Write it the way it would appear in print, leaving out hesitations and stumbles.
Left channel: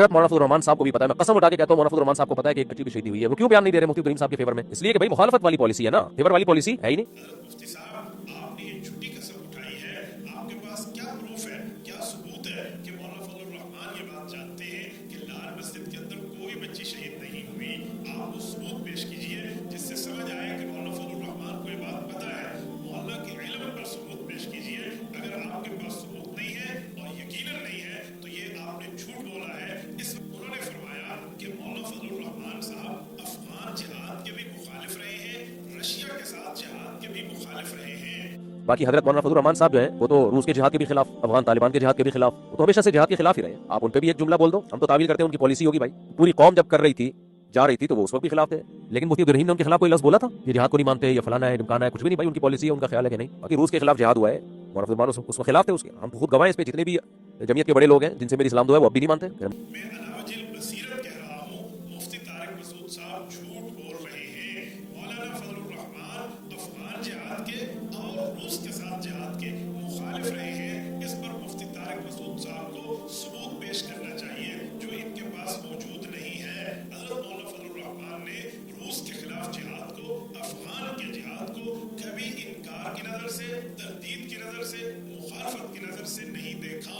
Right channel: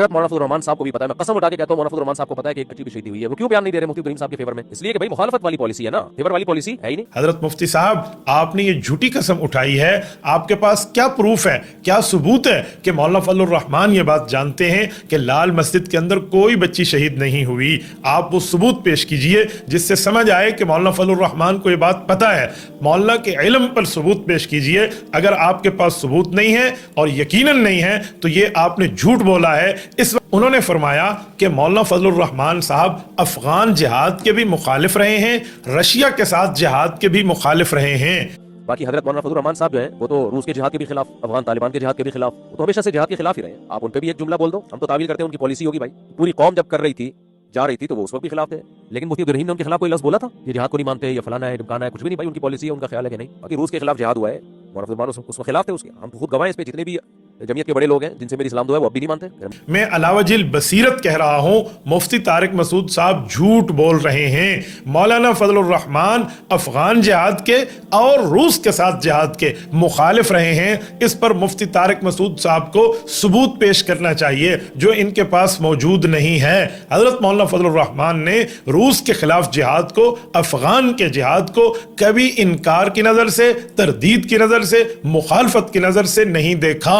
मौलाना फजल रहमान साहब को भी पता है, मैं कसम उठा के कहता हूं मौलाना फजल रहमान साहब को पता है कि एक बच्ची भी शहीद हुई है। वो क्यों बयान नहीं दे रहे मुफ्ती करीम साहब के फेवर में? इसलिए कि भाई मुखालफत वाली पॉलिसी है ना, फेवर वाली पॉलिसी है ही नहीं। हजरत मुफ्ती साहब, आपने ये झूठी कसम उठाई है। आपके पास क्या प्रूफ है, क्या सबूत है कि मौलाना फजल रहमान ये बात जानते हैं कि लाल मस्जिद के अंदर कोई बच्ची शहीद नहीं हुई? आप वो सबूत पेश कीजिए जिससे समझ आए कि मौलाना फजल रहमान को ये बात पता है। मौलाना के इल्म पर सबूत पेश कीजिए। अगर आपके पास सबूत नहीं है और यकीनन नहीं है तो ये आपने झूठ बोला है। इस उन्होंने फरमाया कि मौलाना फजल रहमान साहब अफगान जिहाद के भी मुखालिफ रहे हैं, रशिया के साथ जिहाद के भी मुखालिफ रहे हैं। बाकी हजरत मौलाना फजल रहमान साहब जो है वो तो रूस के जिहाद के भी खिलाफ, अफगान तालिबान के जिहाद के भी खिलाफ, वो तो हमेशा से जिहाद के खिलाफ ही रहे। आप उन पे भी एक जुमला बोल दो, हम तो तावील करते हैं उनकी पॉलिसी होगी भाई। पूरी कौम जब कर रही थी, जा रही थी, तो वो उस वक्त भी खिलाफ थे। लेकिन मुफ्ती अब्दुल रहीम ने उनके खिलाफ कोई लफ्ज़ बोला था ये जिहाद को नहीं मानते या फलाना है ढिमकाना है? कुछ भी नहीं भाई, उनकी पॉलिसी है, उनका ख्याल है कि नहीं। बाकी रूस के खिलाफ जिहाद हुआ है, मौलाना फजल रहमान उसमें खिलाफ थे उसके। हम खुद गवाह इस पे, जितने भी जमीयत के बड़े लोग हैं जिनसे मेरी इस्लाम दुआ है वो अब भी नहीं मानते। मैं अलावजिल बसीरत कह रहा हूं, मुफ्ती तारिक मसूद साहब झूठ बोल रहे हैं। मौलाना फजल रहमान अफगान जिहाद के और रूस के साथ जिहाद के मुखालिफ रहे हैं। इस पर मुफ्ती तारिक मसूद साहब को सबूत पेश करना चाहिए जो इनके पास मौजूद नहीं है। हजरत मौलाना फजल रहमान ने रूस के खिलाफ जिहाद को, अफगान के जिहाद को कभी इनकार की नजर से, तरदीद की नजर से, मुखालफत की नजर से नहीं देखा।